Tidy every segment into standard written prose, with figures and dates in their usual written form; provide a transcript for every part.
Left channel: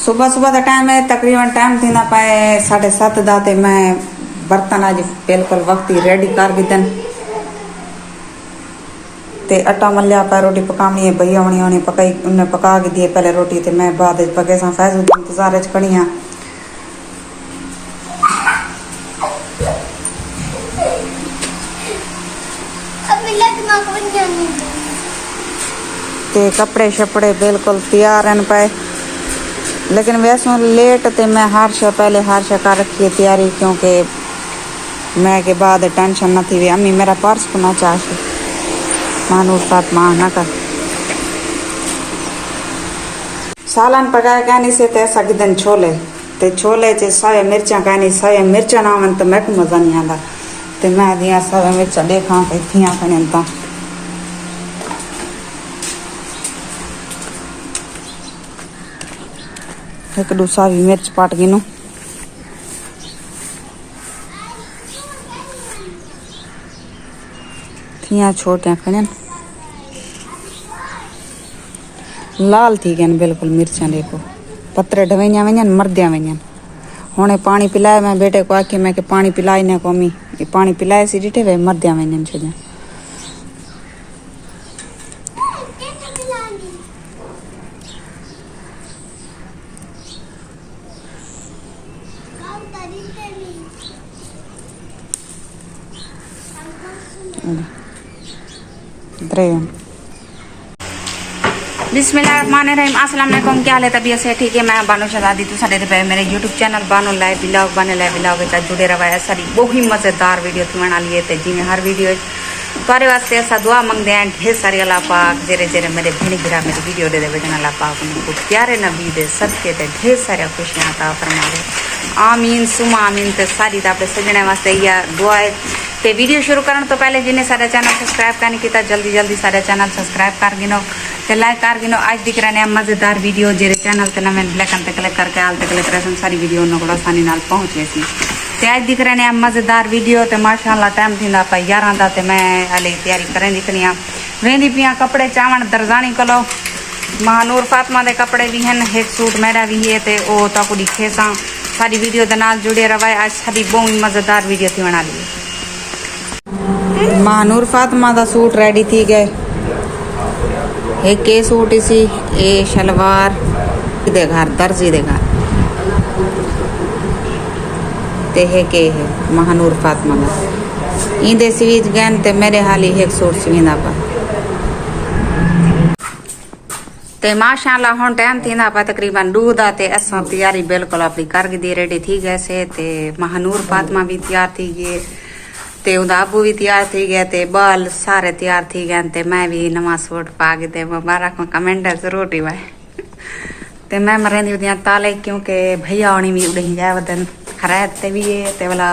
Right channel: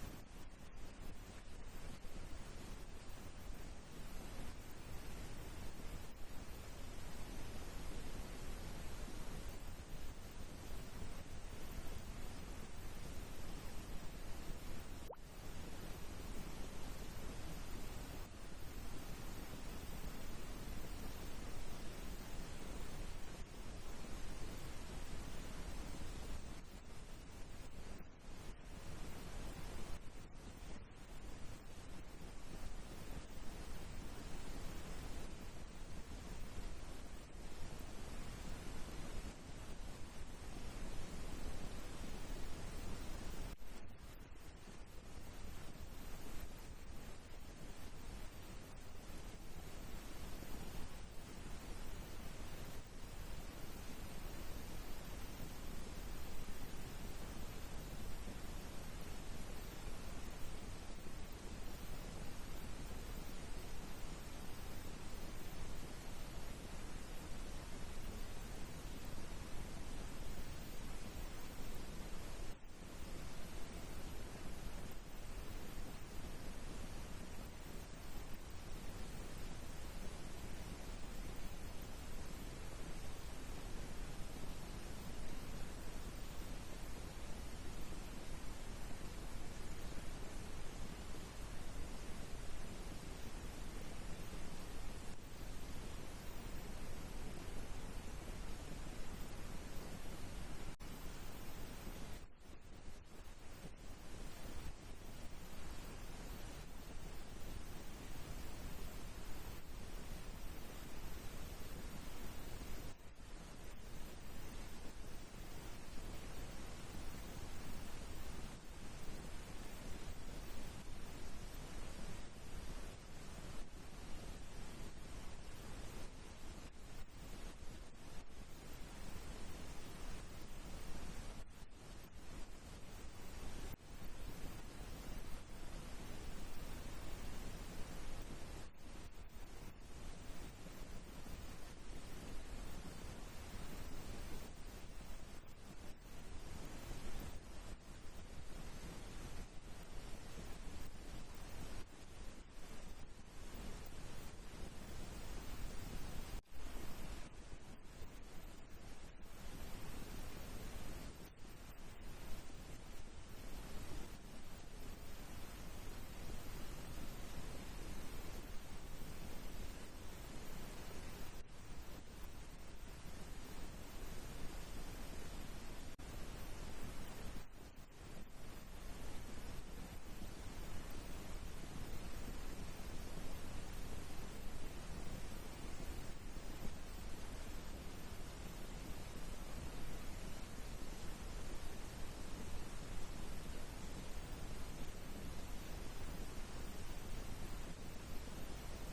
सुबह सुबह का टाइम है, तकरीबन टाइम थी ना पाए 7:30 दाते मैं बर्तन आज बिल्कुल वक्त ही रेडी कर गिदन ते आटा मलिया पाए रोटी पकानी है। भैया होनी पकाई उन्हें पका के दिए पहले रोटी ते मैं बाद पके सा फैज इंतजार च खड़ी हाँ। ते कपड़े शपड़े बिल्कुल तैयार हैं पाए, लेकिन वैसे लेट ते मैं हारशा पहले हारशा कर रखी है तैयारी, क्योंकि मैं के बाद टेंशन न थी वे अम्मी मेरा पर्स को ना चाहे मानूर फातिमा ना कर सालन पकाया कहनी से ऐसा किदन छोले ते छोले च सावे मिर्चा कहनी सावे मिर्चा ना मन तो मैं को मजा नहीं आता ते मैं दिया सावे मिर्चा देखा थियां खने ता एक दूसरा भी मिर्च पाट गिनो थियां छोटे खने लाल थी गए बिल्कुल मिर्चा देखो पत्रे ढवैया वजन मरदिया वजन हुणे पानी पिलाए मैं बेटे को आखी मैं के पानी पिलाई ने कोमी पानी पिलाए सी डिठे वे मरदिया वजन छे बिस्मिल्लाहिर्रहमानिर्रहीम अस्सलाम वालेकुम। क्या हाल है? तबीयत से ठीक है? मैं बानो शहजादी तो सारे पे मेरे YouTube channel Bano live blog बने लाइव ब्लॉग के जुड़े रहा सारी बहुत ही मज़ेदार वीडियो थी बना लिए थे जिमें हर वीडियो तुम्हारे वास्ते ऐसा दुआ मंगते हैं ढेर सारी अल्लाह पाक जेरे जेरे मेरे भेड़ी भिरा मेरी वीडियो दे बेटन अल्लाह पाक उनको प्यारे नबी दे सदके ते ढेर सारे खुशियाँ अता फरमावे आमीन सुमा आमीन। ते सारी अपने सजने वास्ते यह दुआ है। ते वीडियो शुरू करने तो पहले जिन्हें सारे चैनल सब्सक्राइब करने किया जल्दी जल्दी सारे चैनल सब्सक्राइब कर गिनो ते लाइक कर गिनो। आज दिख रहे हैं मज़ेदार वीडियो जेरे चैनल ते नवे ब्लैक ते क्लिक करके आल ते क्लिक करे सारी वीडियो उन्होंने आसानी नाल पहुँच गई थी। ते आज दिख रहे हैं मज़ेदार वीडियो ते माशाअल्लाह टाइम थी 11 दा ते मैं हाले तैयारी करें दिखनी वेंदी पियाँ कपड़े चावण दरजानी कलो महानूर फातिमा दे कपड़े भी हैं एक सूट मेरा भी है ते ओ ताकू दिखे सा सारी वीडियो दे नाल जुड़े रहा। आज सारी बहुत ही मज़ेदार वीडियो थी बना ली। महानूर फातिमा दा सूट रेडी थी गए एक के सूट इसी ए शलवार दे घर दर्जी दे घर ते है के है महानूर फातिमा दा इंदे सीज गैन ते मेरे हाली एक सूट सींदा पा ते माशाअल्लाह हुन टाइम थींदा पा तकरीबन 2 दा ते असां तैयारी बिल्कुल अपनी कर दी रेडी थी गए से ते महानूर फातिमा भी तैयार थी गए ते उदा अबू भी तैयार थी गया ते बाल सारे तैयार थी गए ते मैं भी नवा सूट पा के ते मुबारक कमेंट जरूर ही भाई ते मैं मरेंदी उदियां ताले क्योंकि भैया होनी भी उड़ी जाए वदन खरैत ते भी है ते वाला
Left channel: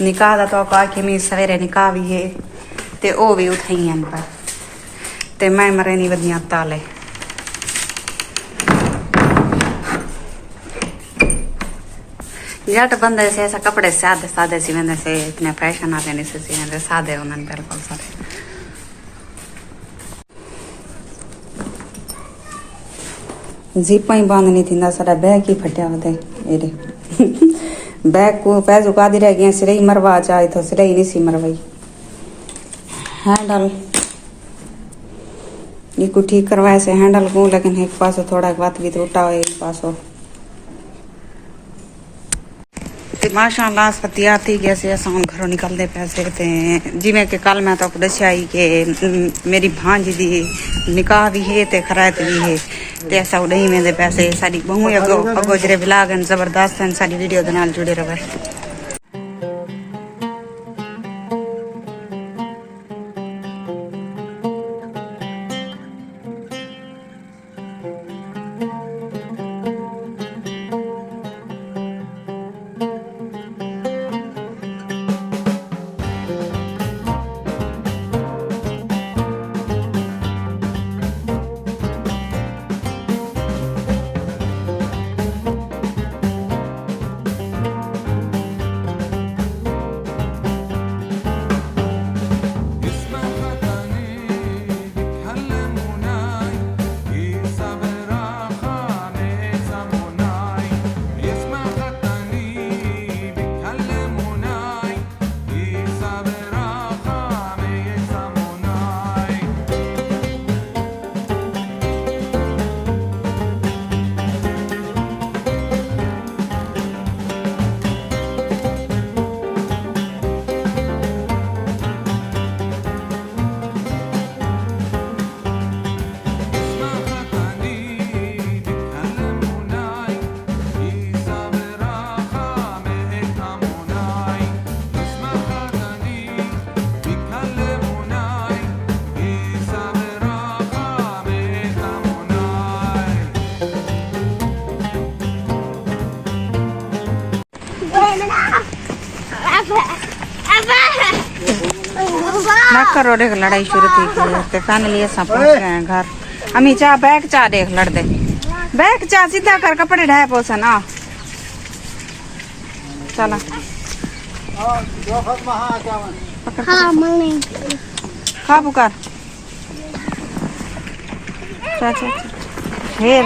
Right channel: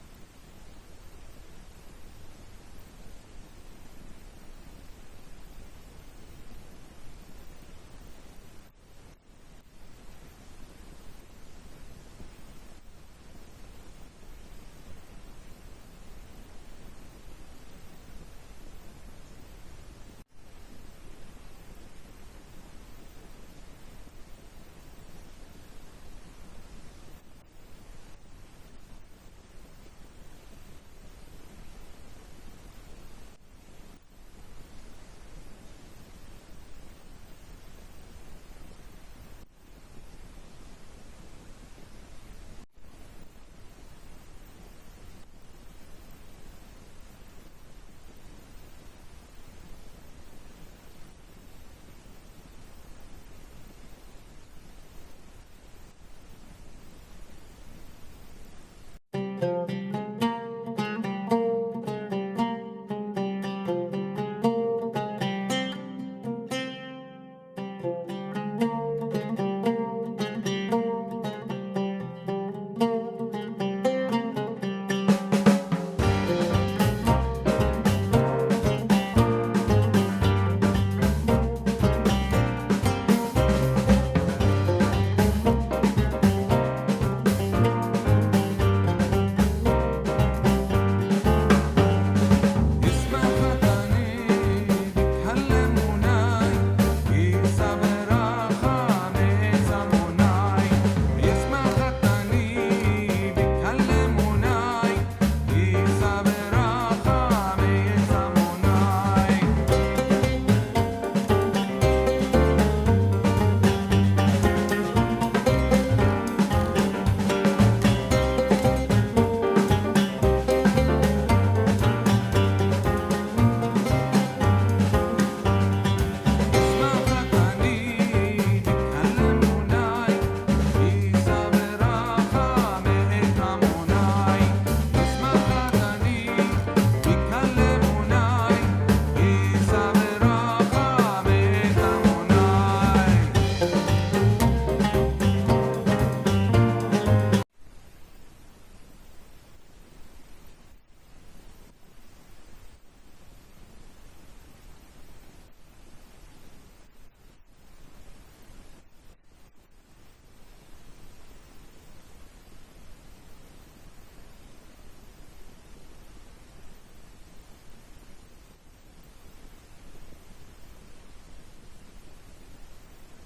निकाह दा तो आके मी सवेरे निकाह भी है ते ओ भी उठाई हैं पर ते मैं मरेंदी वदियां ताले जट बंदे से ऐसा कपड़े सादे सादे सी वेंदे से इतने फैशन आते नहीं से वेंदे सादे उन्हनि बिल्कुल सारे जीपा ही बंद नहीं थींदा सारा बैग ही फटिया वदे एरे बैग को पैसो कादी रह गया सिरे ही मरवा चाहे तो सिरे ही नहीं सी मरवाई हैंडल ये को ठीक करवाए से हैंडल को लेकिन एक पासो थोड़ा बात भी टूटा हुआ एक पासो माशाअल्लाह सब तैयार थी गया से असां घरों निकलते पैसे थे जिमें कि कल मैं तो दसिया ही कि मेरी भांजी दी निकाह भी है ते खरायत भी है ते ऐसा उड़ई वेंदे पैसे सारी बहु अगो जरे ब्लॉग जबरदस्त हैं सारी वीडियो दे नाल जुड़े रहे। चक्कर और एक लड़ाई शुरू थी ते फाइनली ऐसा पहुंच गए हैं घर। अम्मी चाह बैग चाह देख लड़ दे बैग चाह सीधा कर कपड़े ढाए पोसन आ चला हाँ मम्मी खा पुकार चा चा हेर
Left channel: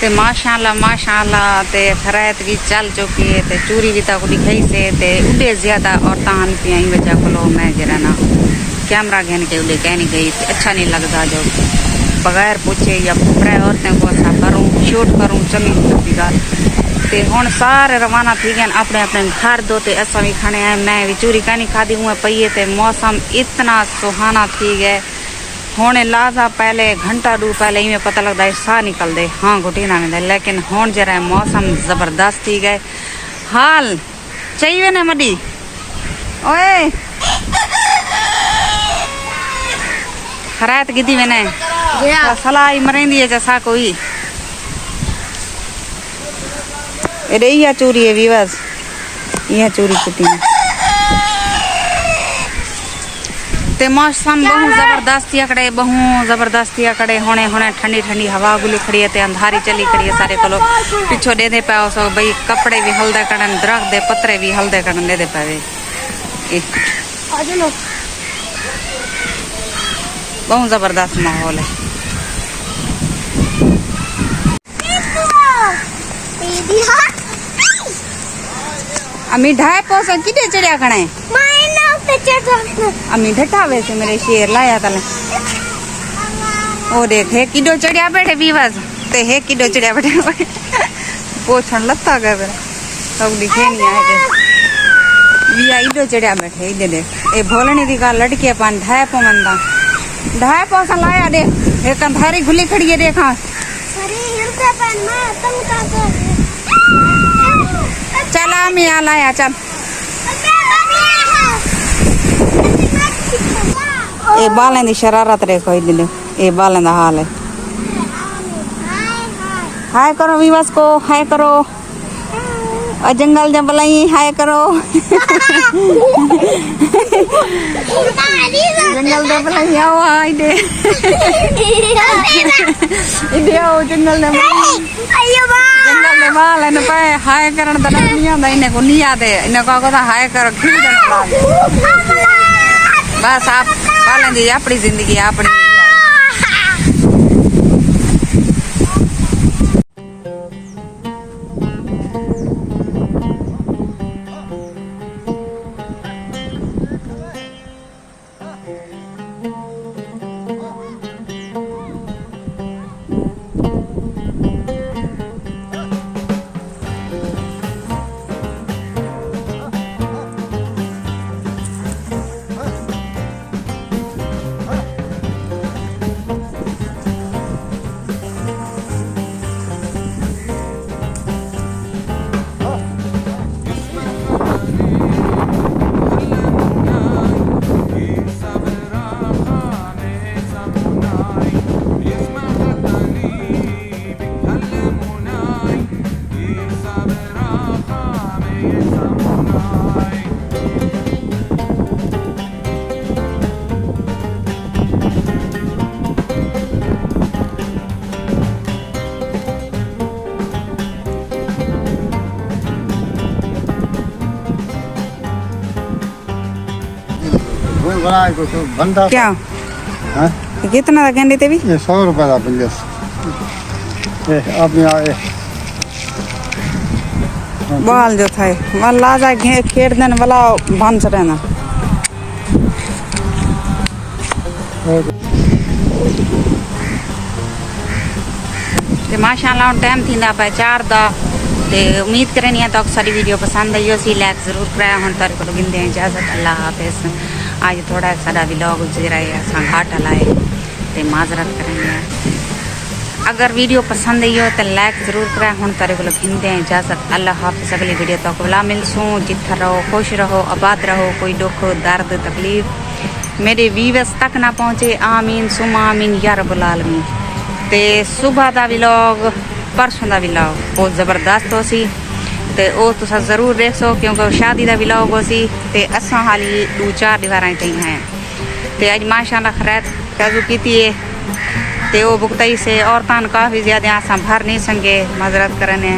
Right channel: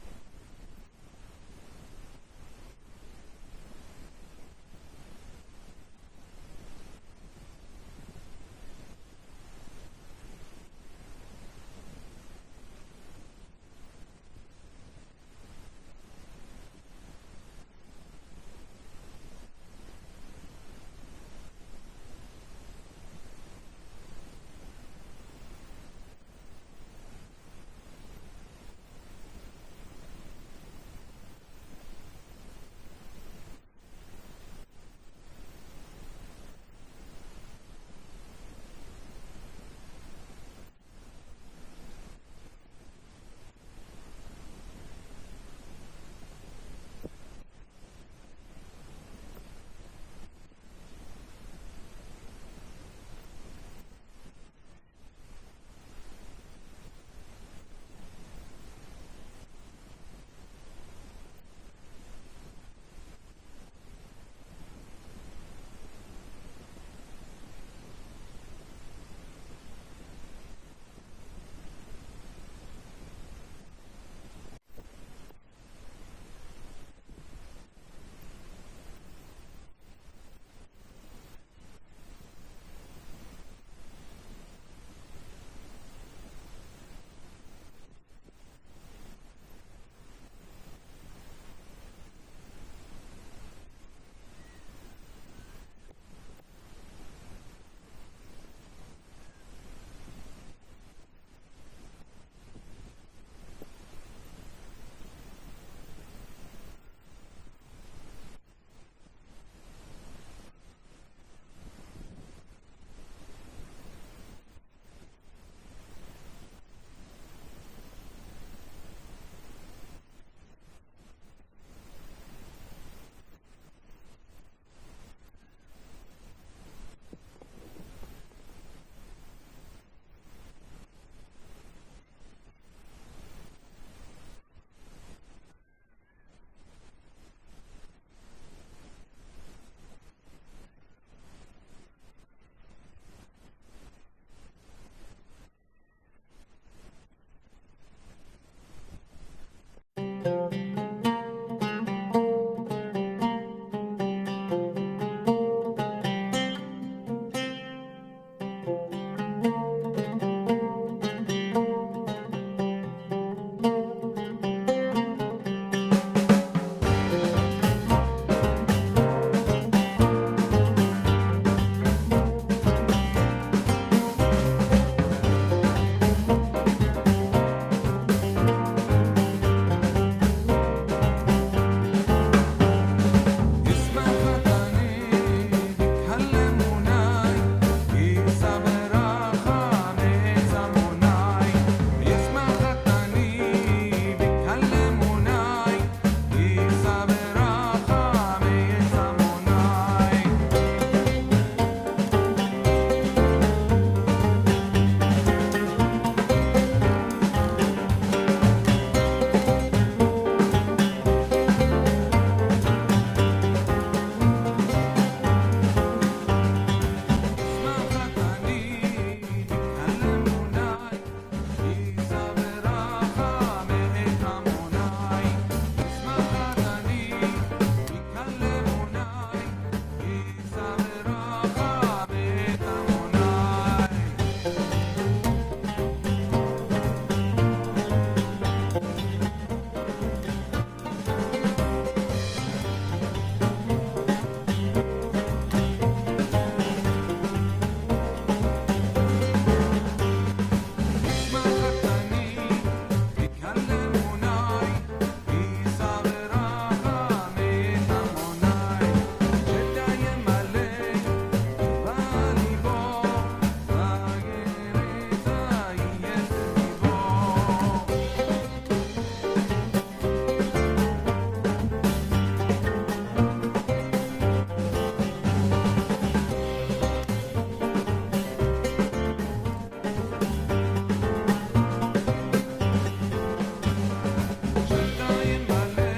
ते माशाल्लाह ते खरायत की चल चुकी है ते चूरी भी तक दिखाई से ते उड़े ज्यादा और तान पियाई वजह को मैं जरा ना कैमरा घेन के उड़े कह नहीं गई अच्छा नहीं लगता जो बगैर पूछे या पूरे औरतें को ऐसा करूँ शूट करूँ चंगी चुकी गल ते हुण सारे रवाना थी गए अपने अपने घर दो ते असा भी खाने आए मैं भी चूरी कहनी खादी हुए पई ते मौसम इतना सुहाना थी गए होने लाजा पहले घंटा दू पहले ही में पता लगता है साह निकल दे हाँ घुटी ना मिले लेकिन होन जरा मौसम जबरदस्त थी गए हाल चाहिए ना मडी ओए खरायत गिदी मैंने सलाई मरेंदी है जैसा कोई अरे यह चूरी है विवास यह चूरी कुटी ते मौसम बहु जबरदस्ती अकड़े होने होने ठंडी ठंडी हवा गुली खड़ी है ते अंधारी चली खड़ी है सारे कोलो पिछो दे पाओ सो भाई कपड़े भी हल्दे करन दरख्त दे पत्रे भी हल्दे करन दे पावे बहुत जबरदस्त माहौल है अमी ढाई पोसा किटे चढ़िया खड़े अम्मी ढटा वैसे मेरे शेर लाया तले ओ देख है किडो चढ़िया बैठे बीवास ते है किडो चढ़िया बैठे पोछण लत्ता गए मेरा सब दिखे नहीं आए थे बिया इडो चढ़िया बैठे इधे देख ए भोलनी दी का लड़के पान ढाई पोसा लाया देख एक अंधारी खुली खड़ी है देखा चल अम्मी आ लाया चल ए बालें दी शरारत देखो इधर ए बालें दा हाल है हाय करो विवास को हाय करो और जंगल जब बुलाई हाय करो जंगल जब बुलाई आओ इधर इधर आओ जंगल में बाल ने पे हाय करन दा नहीं आंदा इने को नहीं आदे इने को हाय करो खिल दे बस आप पालें जी अपनी जिंदगी अपनी क्या कितना गेंदे थे भी 100 रुपए का बिल्स अपने आए बाल जो था वह लाजा खेड़ देने वाला बांध से रहना माशाल्लाह टाइम थी ना 4 दा ते उम्मीद करें नहीं तो सारी वीडियो पसंद आई सी लाइक जरूर कराया हम तार को मिलते हैं इजाजत अल्लाह हाफिज़ आज थोड़ा सारा व्लॉग गुजरा है घाट लाए ते माजरत करेंगे अगर वीडियो पसंद आई हो तो लाइक जरूर करें। हम तारे को हिंदे हैं इजाजत। अल्लाह हाफिज़। अगली वीडियो तक बुला मिलसूँ। जिथे रहो खुश रहो आबाद रहो। कोई दुख दर्द तकलीफ मेरे व्यूअर्स तक ना पहुँचे। आमीन सुम आमीन या रब्बुल आलमीन। ते सुबह का व्लॉग परसों का व्लॉग बहुत ज़बरदस्त हो सी ते वो तुसा जरूर देखो क्योंकि शादी का व्लॉग हो सी ते असा हाली 2-4 दीवारें तई हैं ते अज माशाअल्लाह खैर काजू की ते वो बुकतई से औरतान काफ़ी ज़्यादा आसा भर नहीं संगे मजरत करने